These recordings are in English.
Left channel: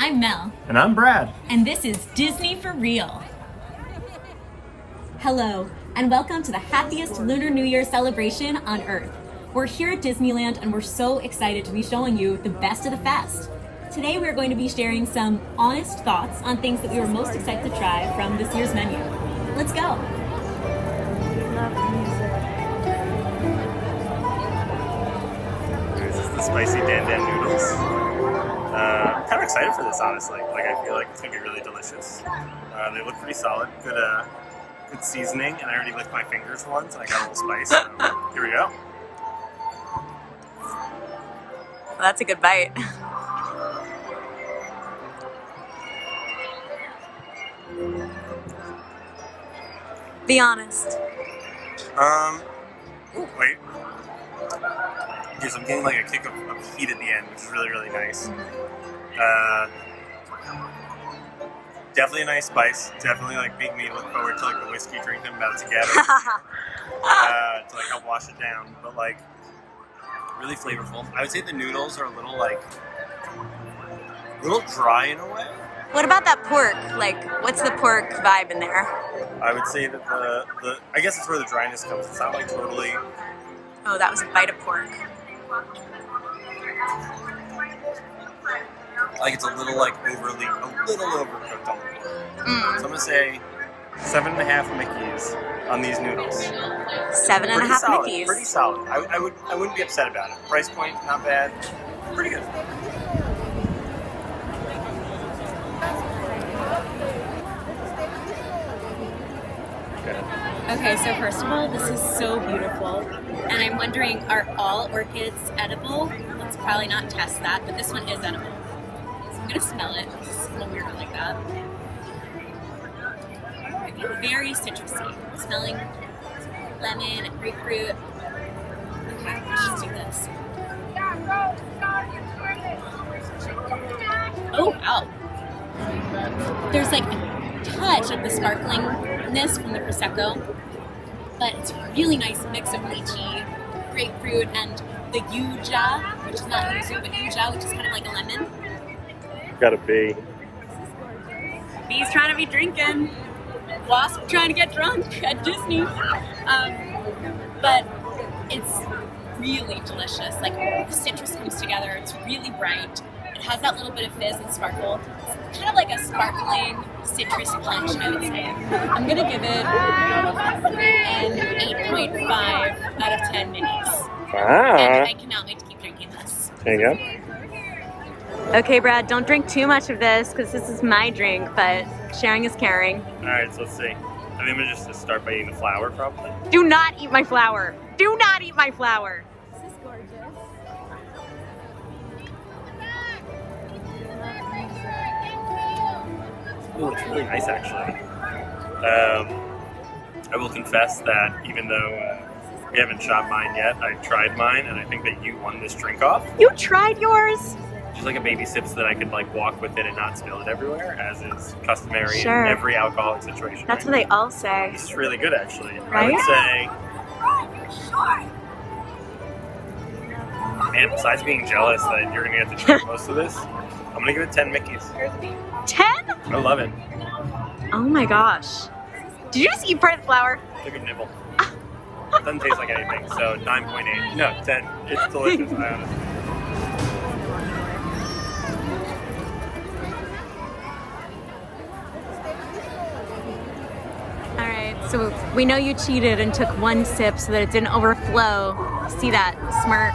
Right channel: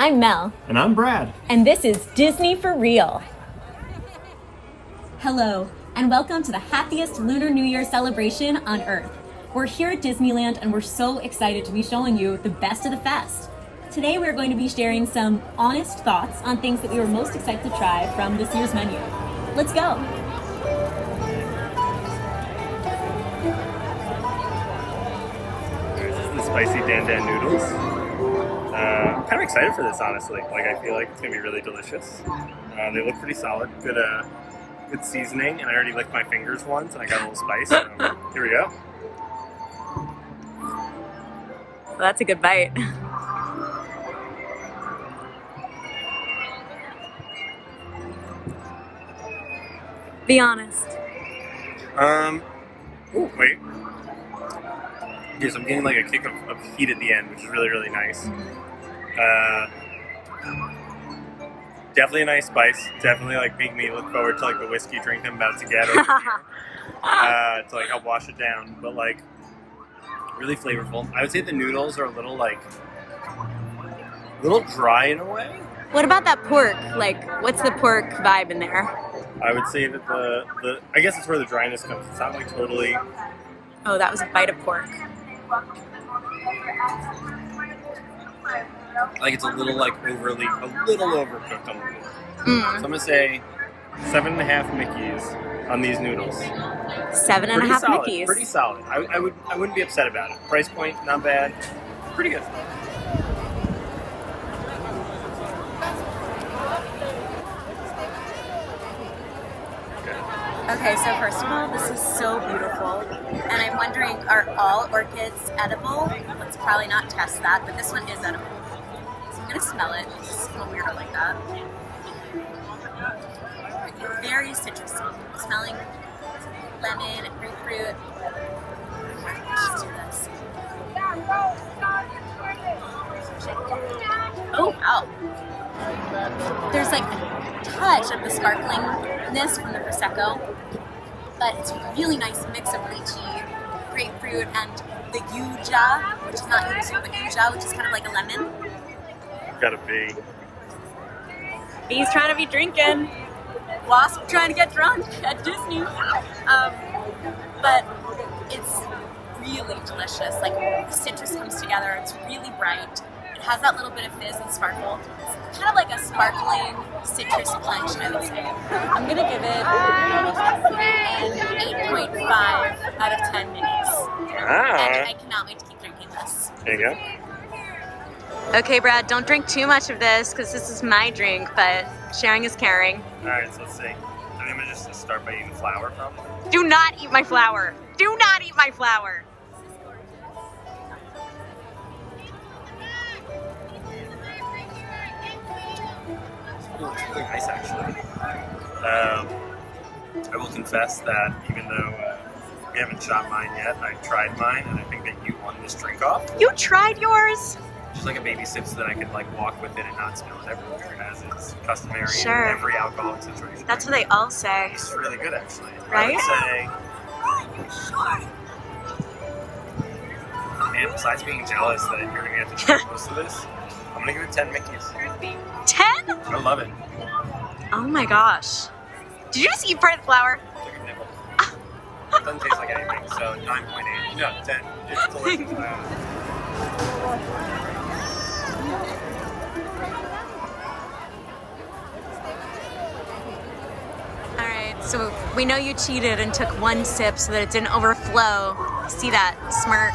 I'm Mel. And I'm Brad. And this is Disney4Reel. Hello, and welcome to the happiest Lunar New Year celebration on Earth. We're here at Disneyland and we're so excited to be showing you the best of the fest. Today we're going to be sharing some honest thoughts on things that we were most excited to try from this year's menu. Let's go. This is the spicy Dan Dan noodles. I'm kind of excited for this, honestly. I feel like it's gonna be really delicious. They look pretty solid. Good seasoning, and I already licked my fingers once, and I got a little spice. So here we go. Well, that's a good bite. Be honest. Ooh, wait. Yes, I'm getting like a kick of heat at the end, which is really, really nice. Definitely a nice spice. Definitely making me look forward to the whiskey drink I'm about to get to help wash it down. But really flavorful. I would say the noodles are a little dry in a way. What about that pork? What's the pork vibe in there? I would say that I guess it's where the dryness comes. It's not totally. Oh, that was a bite of pork. It's a little overcooked on the pork. So I'm gonna say 7.5 Mickeys on these noodles. 7.5 Mickeys. Pretty solid. I wouldn't be upset about it. Price point, not bad. Pretty good. Okay, so first of all, this is so beautiful. And I'm wondering, are all orchids edible? Let's probably not test that, but this one is edible. So I'm gonna smell it. It's a little weirder like that. Very citrusy. Smelling lemon and grapefruit. Okay, let's just do this. Oh, wow. There's a touch of the sparklingness from the Prosecco, but it's a really nice mix of lychee, grapefruit, and the yuja, which is not yuzu, but yuja, which is kind of like a lemon. Got a bee. Bee's trying to be drinking. Wasp trying to get drunk at Disney. But it's really delicious. The citrus comes together. It's really bright. It has that little bit of fizz and sparkle. It's kind of like a sparkling citrus punch, I would say. I'm gonna give it an 8.5 out of 10 minis. And I cannot wait to keep drinking this. There you go. Okay, Brad, don't drink too much of this because this is my drink, but sharing is caring. Alright, so let's see. I think I'm gonna just start by eating the flour, probably. Do not eat my flour. Do not eat my flour. Oh, it's really nice, actually. I will confess that even though we haven't shot mine yet, I tried mine, and I think that you won this drink off. You tried yours? Just a baby sip so that I could walk with it and not spill it everywhere, as is customary Sure. in every alcoholic situation. That's what they all say. This is really good, actually. Right? I would say, man, besides being jealous that you're going to get to drink most of this, I'm going to give it 10 Mickeys. 10? I love it. Oh my gosh. Did you just eat part of the flour? Took a nibble. It doesn't taste like anything, so 9.8. No, 10. It's delicious. I honestly. Alright, so we know you cheated and took one sip so that it didn't overflow. See that smirk?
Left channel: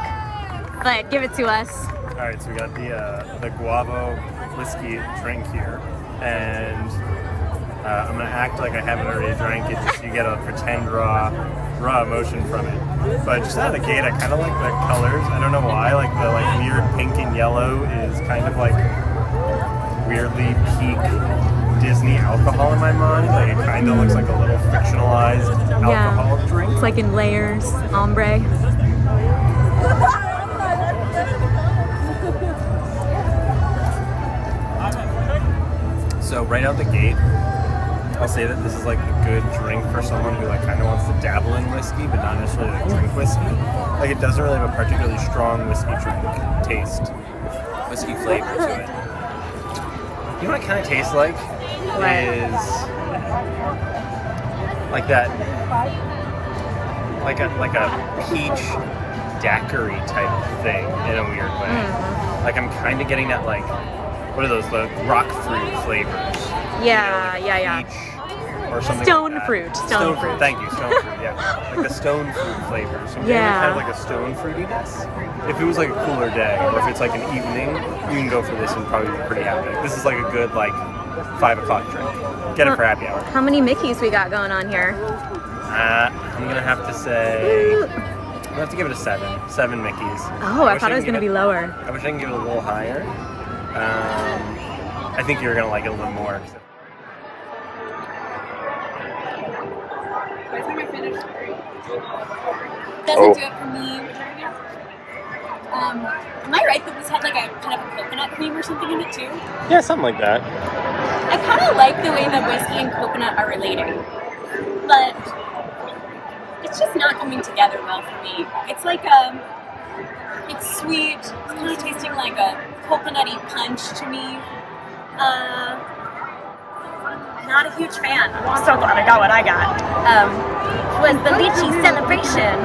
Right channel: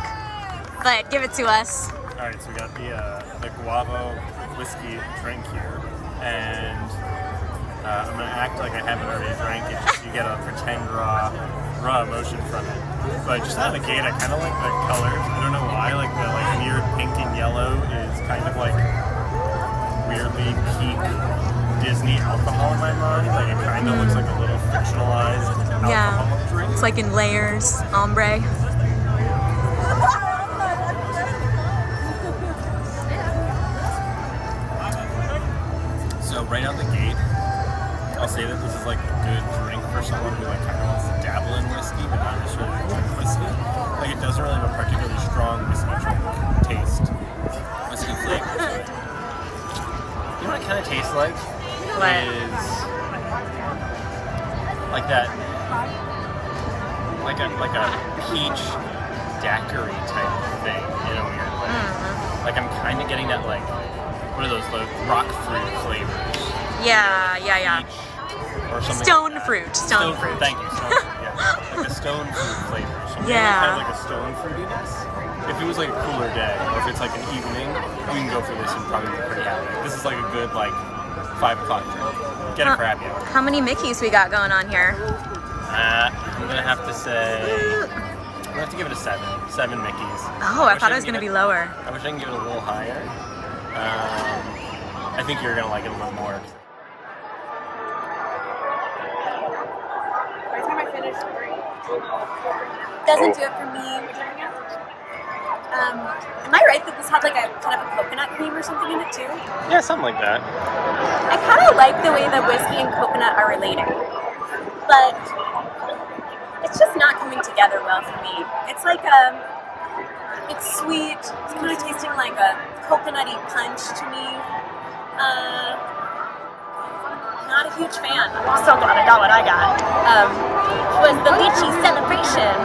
But give it to us. Alright, so we got the guava whiskey drink here, and I'm gonna act like I haven't already drank it just so you get a pretend raw emotion from it. But just out of the gate, I kind of like the colors. I don't know why, the weird pink and yellow is kind of weirdly peak Disney alcohol in my mind. It kind of looks like a little fictionalized alcohol drink. It's in layers, ombre. So right out the gate, I'll say that this is a good drink for someone who kind of wants to dabble in whiskey, but not necessarily drink whiskey. It doesn't really have a particularly strong whiskey drink taste, whiskey flavor to it. You know what it kind of tastes like? What? Is like that, like a peach daiquiri type of thing in a weird way. Mm-hmm. Like I'm kind of getting that, like, what are those, the rock fruit flavors? Yeah, You know, yeah. peach or something Stone like that. fruit. Stone fruit. Thank you, stone fruit. Yeah, like the stone fruit flavors. So I'm getting Yeah. kind of like a stone fruitiness. If it was like a cooler day, or if it's like an evening, you can go for this and probably be pretty happy. Like, this is like a good, like, 5 o'clock drink. Get it for happy hour. How many Mickeys we got going on here? I'm gonna have to say, I'm gonna have to give it a 7. 7 Mickeys. Oh, I thought it was can going to give be lower. I wish I can give it a little higher. I think you're gonna like it a little bit more. By the time I finish 3. Doesn't do it for me. Am I right that this had like a kind of a coconut cream or something in it too? Yeah, something like that. I kind of like the way that whiskey and coconut are relating, but it's just not coming together well for me. It's like it's sweet. It's kind of tasting like a coconutty punch to me. Not a huge fan. I'm so glad I got what I got. Was the lychee celebration.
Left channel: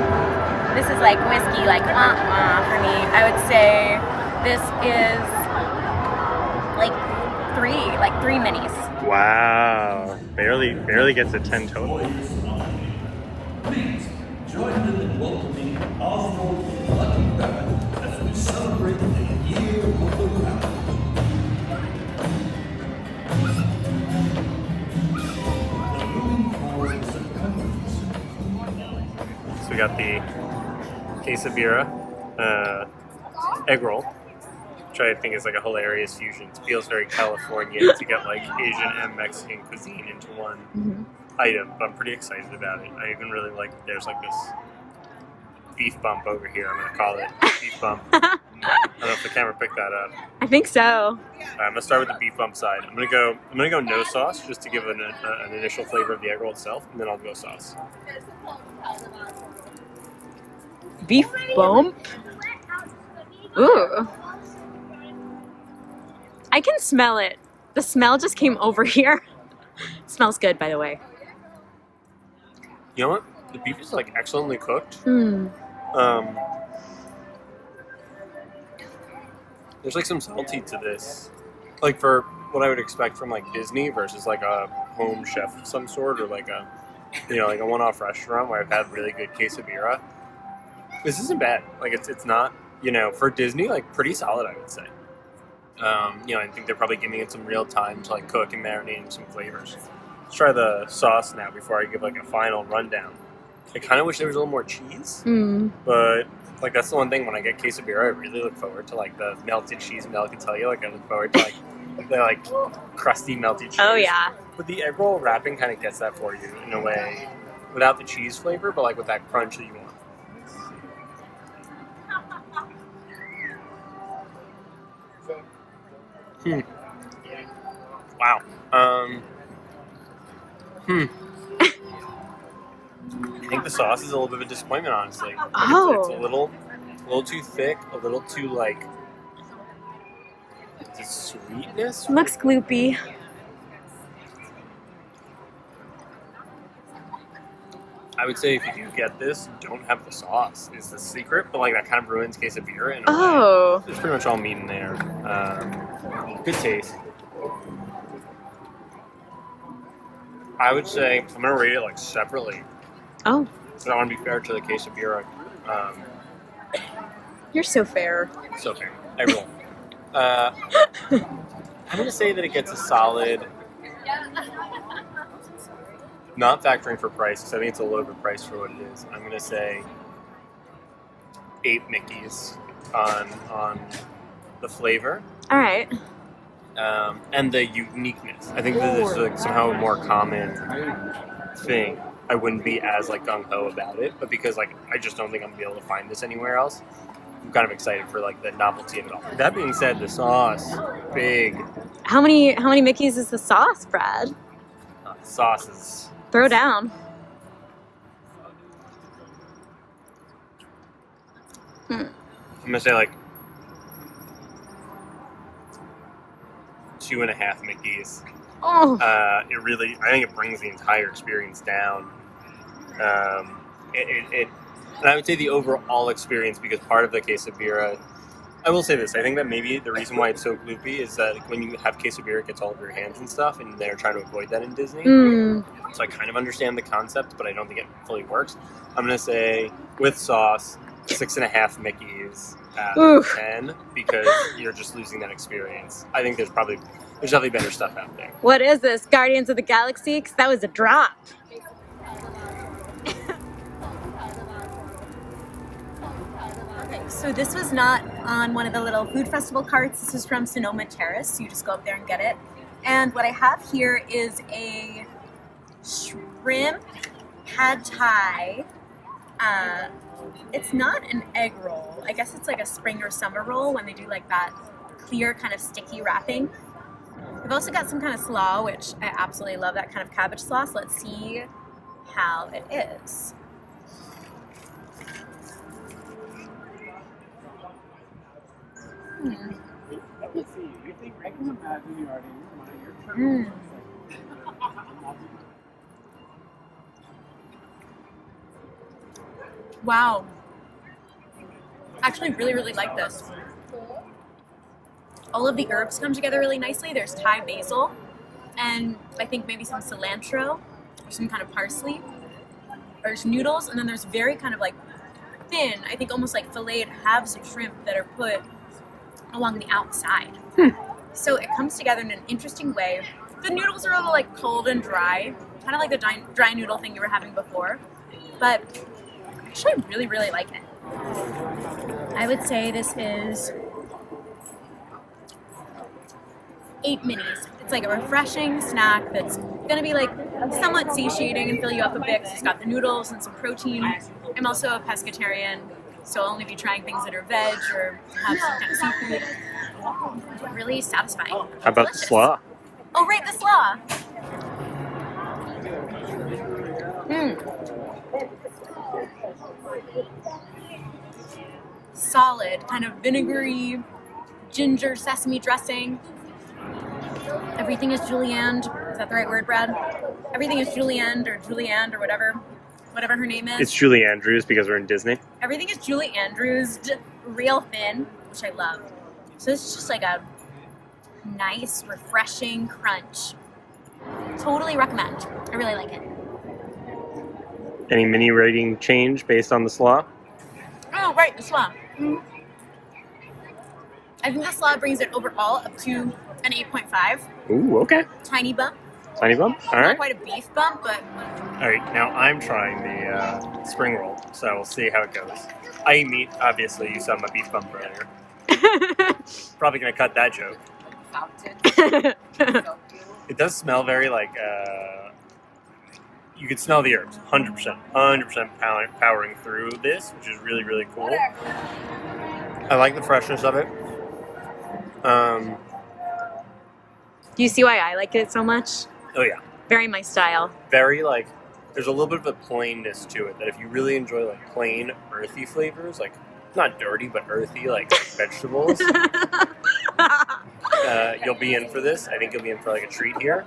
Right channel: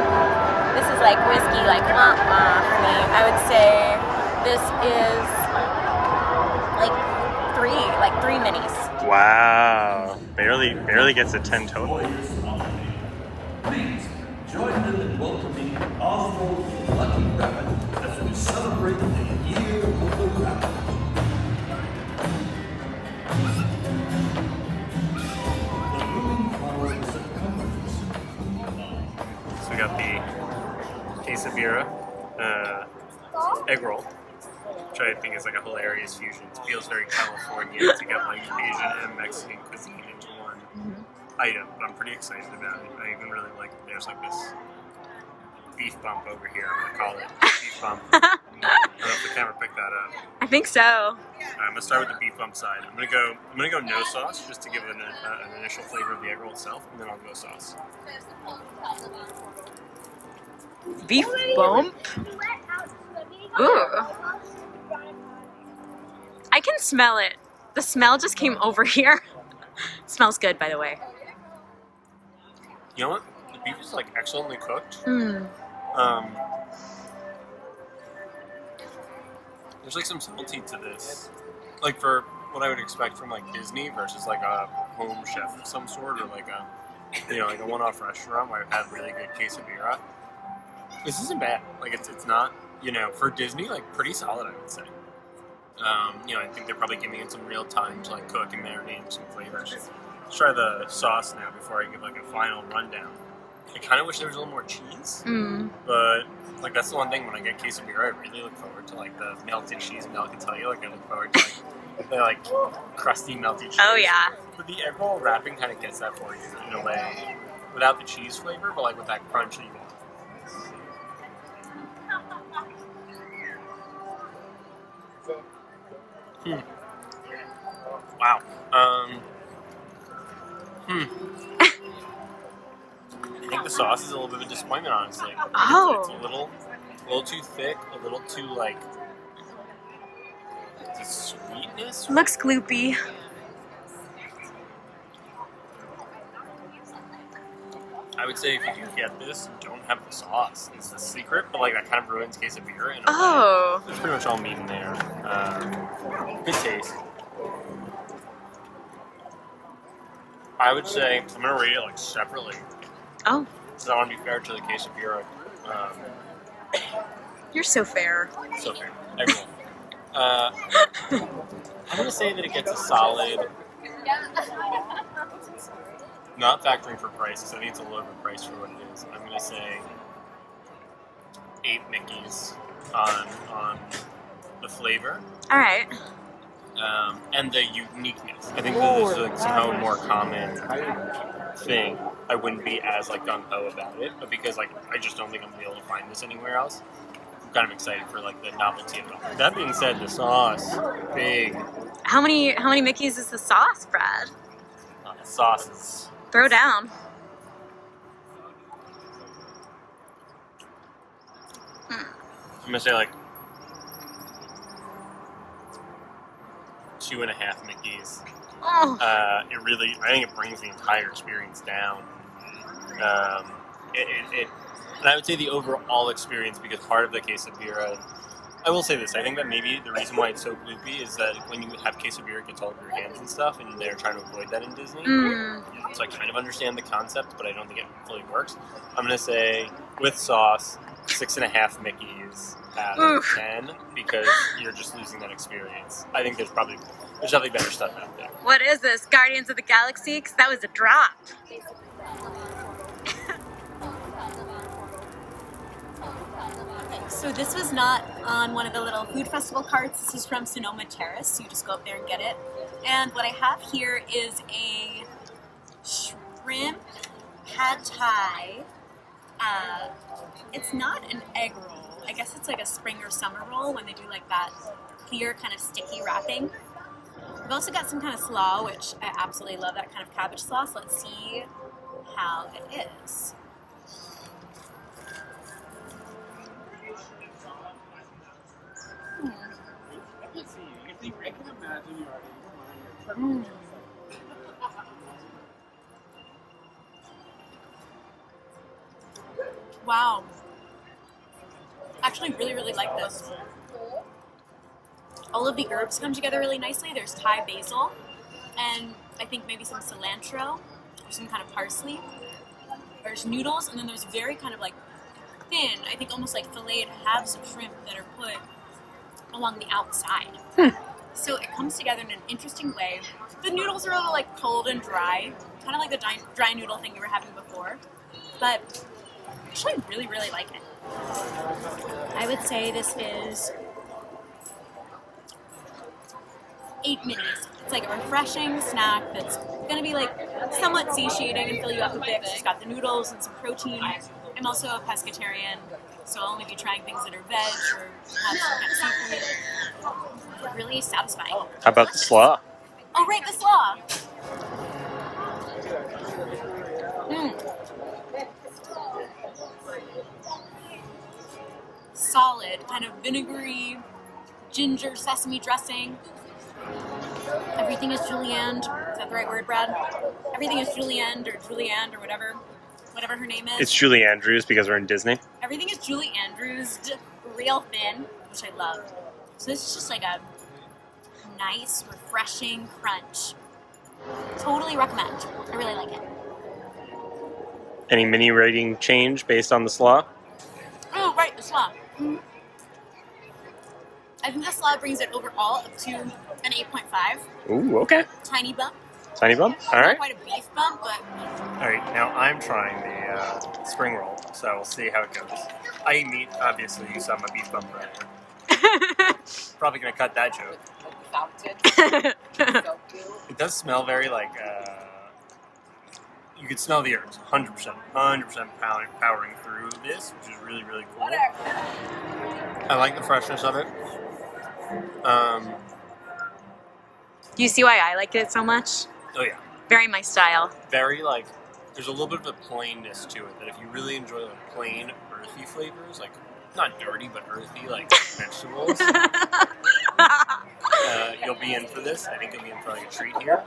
This is like whiskey, like wah-wah for me. I would say this is like 3 minis. Wow, barely gets a 10 totally. Please join them in welcoming Oswald Lucky Rabbit as we celebrate the Year of the Rabbit. The moving forwards of countries. So we got the quesabira egg roll, which I think is like a hilarious fusion. It feels very California to get like Asian and Mexican cuisine into one item, but I'm pretty excited about it. I even really like that there's like this beef bump over here. I'm gonna call it beef bump. I don't know if the camera picked that up. I think so. I'm gonna start with the beef bump side. I'm gonna go no sauce just to give an initial flavor of the egg roll itself, and then I'll go sauce. Beef bump. Ooh. I can smell it. The smell just came over here. Smells good, by the way. You know what? The beef is like excellently cooked. Mm. There's like some salty to this, like for what I would expect from like Disney versus like a home chef of some sort, or like a, you know, like a one-off restaurant where I've had really good quesabira. This isn't bad. Like it's not, you know, for Disney, like pretty solid, I would say. You know, I think they're probably giving it some real time to like cook and marinate some flavors. Let's try the sauce now before I give like a final rundown. I kind of wish there was a little more cheese, but like that's the one thing when I get quesabira, I really look forward to like the melted cheese. Mel can tell you, like I look forward to like the like crusty melted cheese. Oh yeah. But the egg roll wrapping kind of gets that for you in a way, without the cheese flavor, but like with that crunch that you want. Wow. I think the sauce is a little bit of a disappointment, honestly. It's a little too thick, a little too like the sweetness. Looks gloopy. I would say if you do get this, don't have the sauce is the secret, but like that kind of ruins quesabira in a way. It's pretty much all meat in there. Good taste. I would say I'm gonna rate it like separately. Oh. So I want to be fair to the quesabira. You're so fair. So fair. Egg roll. I'm gonna say that it gets a solid. Not factoring for price, because I think it's a little bit priced for what it is. I'm gonna say 8 Mickeys on the flavor. All right. And the uniqueness. I think that this is like somehow a more common thing. I wouldn't be as like gung ho about it, but because like I just don't think I'm gonna be able to find this anywhere else. I'm kind of excited for like the novelty of it all. That being said, the sauce, big. How many Mickeys is the sauce, Brad? Sauce is. Throw down. I'm gonna say like 2.5 Mickeys. Oh, I think it brings the entire experience down. And I would say the overall experience, because part of the quesabira, I will say this, I think that maybe the reason why it's so gloopy is that when you have quesabira, it gets all over your hands and stuff, and they're trying to avoid that in Disney. So I kind of understand the concept, but I don't think it fully works. I'm going to say, with sauce, 6.5 Mickeys out of 10, because you're just losing that experience. I think there's definitely better stuff out there. what is this? Guardians of the Galaxy? 'Cause that was a drop. Okay, so this was not on one of the little food festival carts. This is from Sanoma Terrace. So you just go up there and get it. And what I have here is a shrimp pad thai. It's not an egg roll. I guess it's like a spring or summer roll when they do like that clear kind of sticky wrapping. We've also got some kind of slaw, which I absolutely love, that kind of cabbage sauce. Let's see how it is. Wow. Actually really, really like this. All of the herbs come together really nicely. There's Thai basil and I think maybe some cilantro or some kind of parsley. There's noodles, and then there's very kind of like thin, I think almost like filleted halves of shrimp that are put along the outside. So it comes together in an interesting way. The noodles are a little like cold and dry, kind of like the dry noodle thing you were having before, but actually I really, really like it. I would say this is 8 minis. It's like a refreshing snack that's gonna be like somewhat satiating and fill you up a bit. It's got the noodles and some protein. I'm also a pescatarian, so I'll only be trying things that are veg or have some kind of seafood. Really satisfying. How about the slaw? Oh, right, the slaw. Solid, kind of vinegary, ginger sesame dressing. Everything is julienne. Is that the right word, Brad? Everything is julienne or whatever her name is. It's Julie Andrews because we're in Disney. Everything is Julie Andrews, real thin, which I love. So it's just like a nice, refreshing crunch. Totally recommend. I really like it. Any mini rating change based on the slaw? Oh, right, the slaw. I think the slaw brings it overall up to an 8.5. Ooh, okay. Tiny bump. Tiny bump? All Not right. quite a beef bump, but All right, now I'm trying the spring roll, so we'll see how it goes. I eat meat, obviously. You saw my beef bump earlier. Probably going to cut that joke. It does smell very like, you can smell the herbs, 100% powering through this, which is really, really cool. I like the freshness of it. do you see why I like it so much? Oh yeah. Very my style. Very like, there's a little bit of a plainness to it that if you really enjoy like plain earthy flavors, like not dirty but earthy like vegetables, you'll be in for this. I think you'll be in for like a treat here.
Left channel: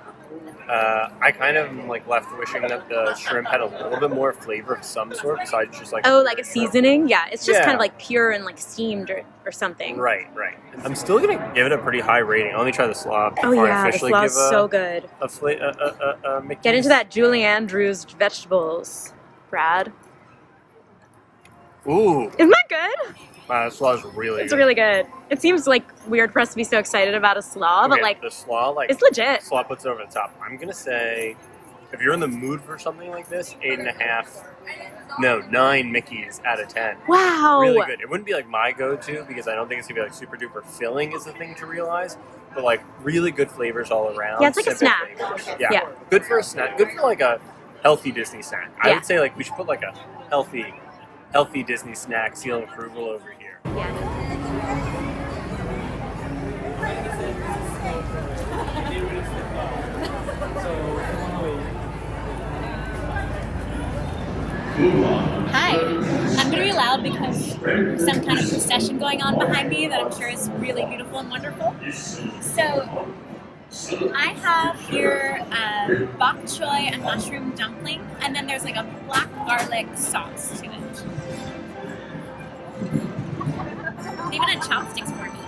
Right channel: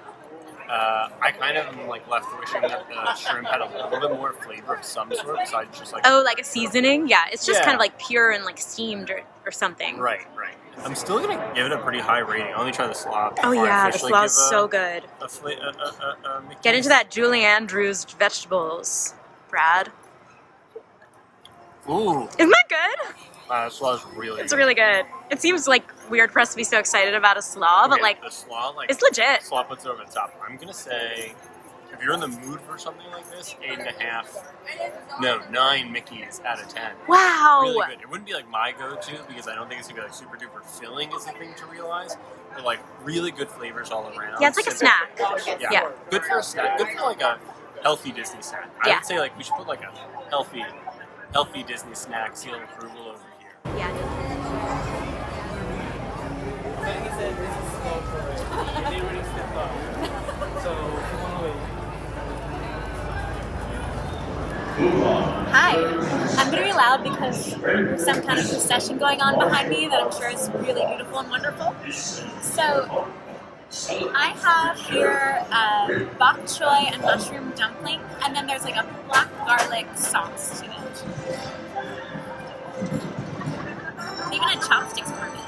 I kind of am like left wishing that the shrimp had a little bit more flavor of some sort besides just like Oh, like a seasoning? Yeah, it's just Yeah. kind of like pure and like steamed or something. Right. I'm still gonna give it a pretty high rating. I'll only try the slaw Oh before I yeah, the officially slaw give is so good. a Mickey's. Get into that Julie Andrews vegetables, Brad. Ooh, Isn't that good? the slaw is really It's good. really good. It seems like weird for us to be so excited about a slaw, but Okay, like the slaw, like it's legit. slaw puts it over the top. I'm gonna say, if you're in the mood for something like this, 9 Mickeys out of 10. Wow. Really good. It wouldn't be like my go-to because I don't think it's gonna be like super duper filling is the thing to realize. But like really good flavors all around. Yeah, it's like a simple snack. flavors. Yeah. Good for a snack. Good for like a healthy Disney snack. I Yeah. would say like we should put like a healthy Disney snack seal of approval over here. Yeah. Hi. I'm going to be loud because there's some kind of procession going on behind me that I'm sure is really beautiful and wonderful. So I have here bok choy and mushroom dumpling, and then there's like a black garlic sauce to it. They even had chopsticks for me.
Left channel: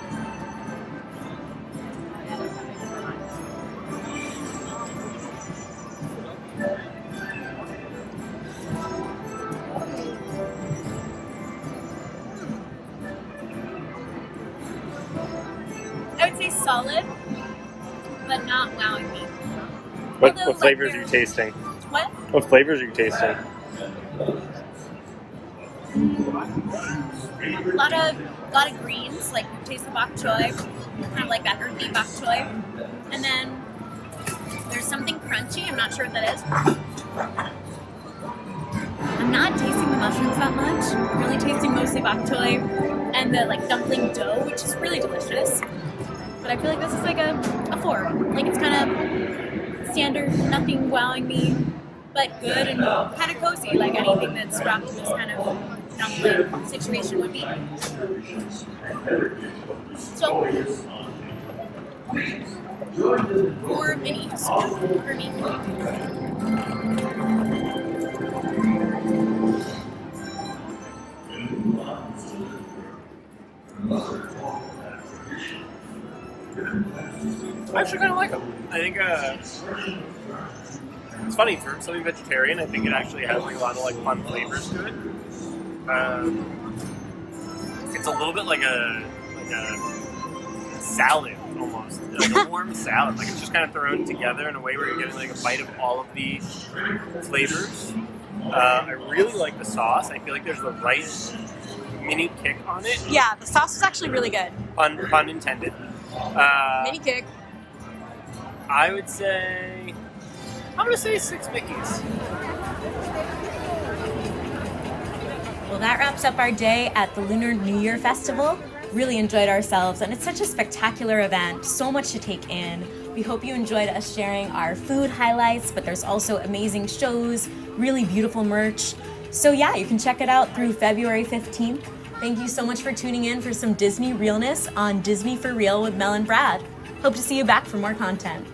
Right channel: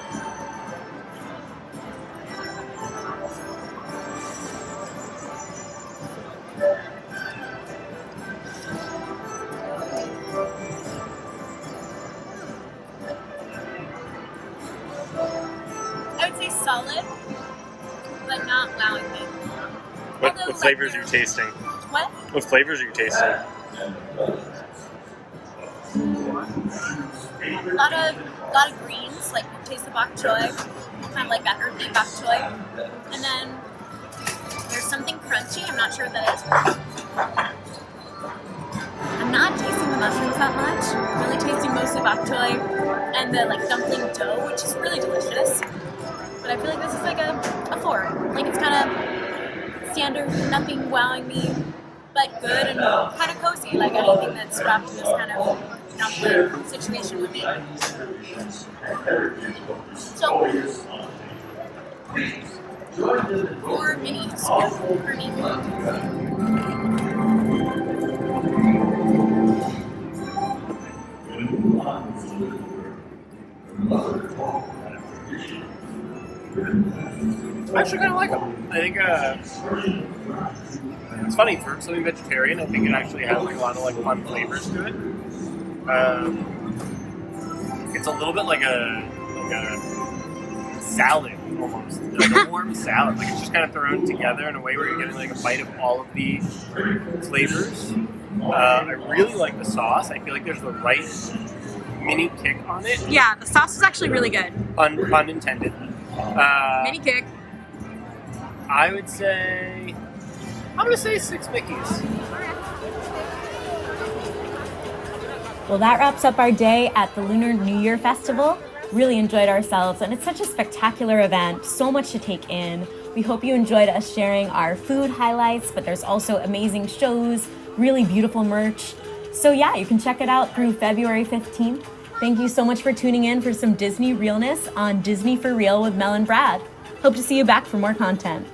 I would say solid, but not wowing me. What Although, flavors like, are you tasting? What? What flavors are you tasting? A lot of greens, like you taste the bok choy, kind of like that earthy bok choy, and then there's something crunchy. I'm not sure what that is. I'm not tasting the mushrooms that much. I'm really tasting mostly bok choy and the like dumpling dough, which is really delicious. But I feel like this is like a 4. Like it's kind of standard, nothing wowing me, but good and kind of cozy, like anything that's wrapped in this kind of dumpling situation would be. So, 4 minis for me. I actually kind of like them. I think it's funny for something vegetarian. I think it actually has like a lot of like fun flavors to it. It's a little bit like a salad almost, like a warm salad. Like it's just kind of thrown together in a way where you're getting like a bite of all of the flavors. I really like the sauce. I feel like there's the right mini kick on it. Yeah, the sauce is actually really good. Pun intended. Mini kick. I would say, I'm gonna say 6 Mickeys. Well, that wraps up our day at the Lunar New Year Festival. Really enjoyed ourselves, and it's such a spectacular event, so much to take in. We hope you enjoyed us sharing our food highlights, but there's also amazing shows, really beautiful merch. So yeah, you can check it out through February 15th. Thank you so much for tuning in for some Disney realness on Disney4Reel with Mel and Brad. Hope to see you back for more content.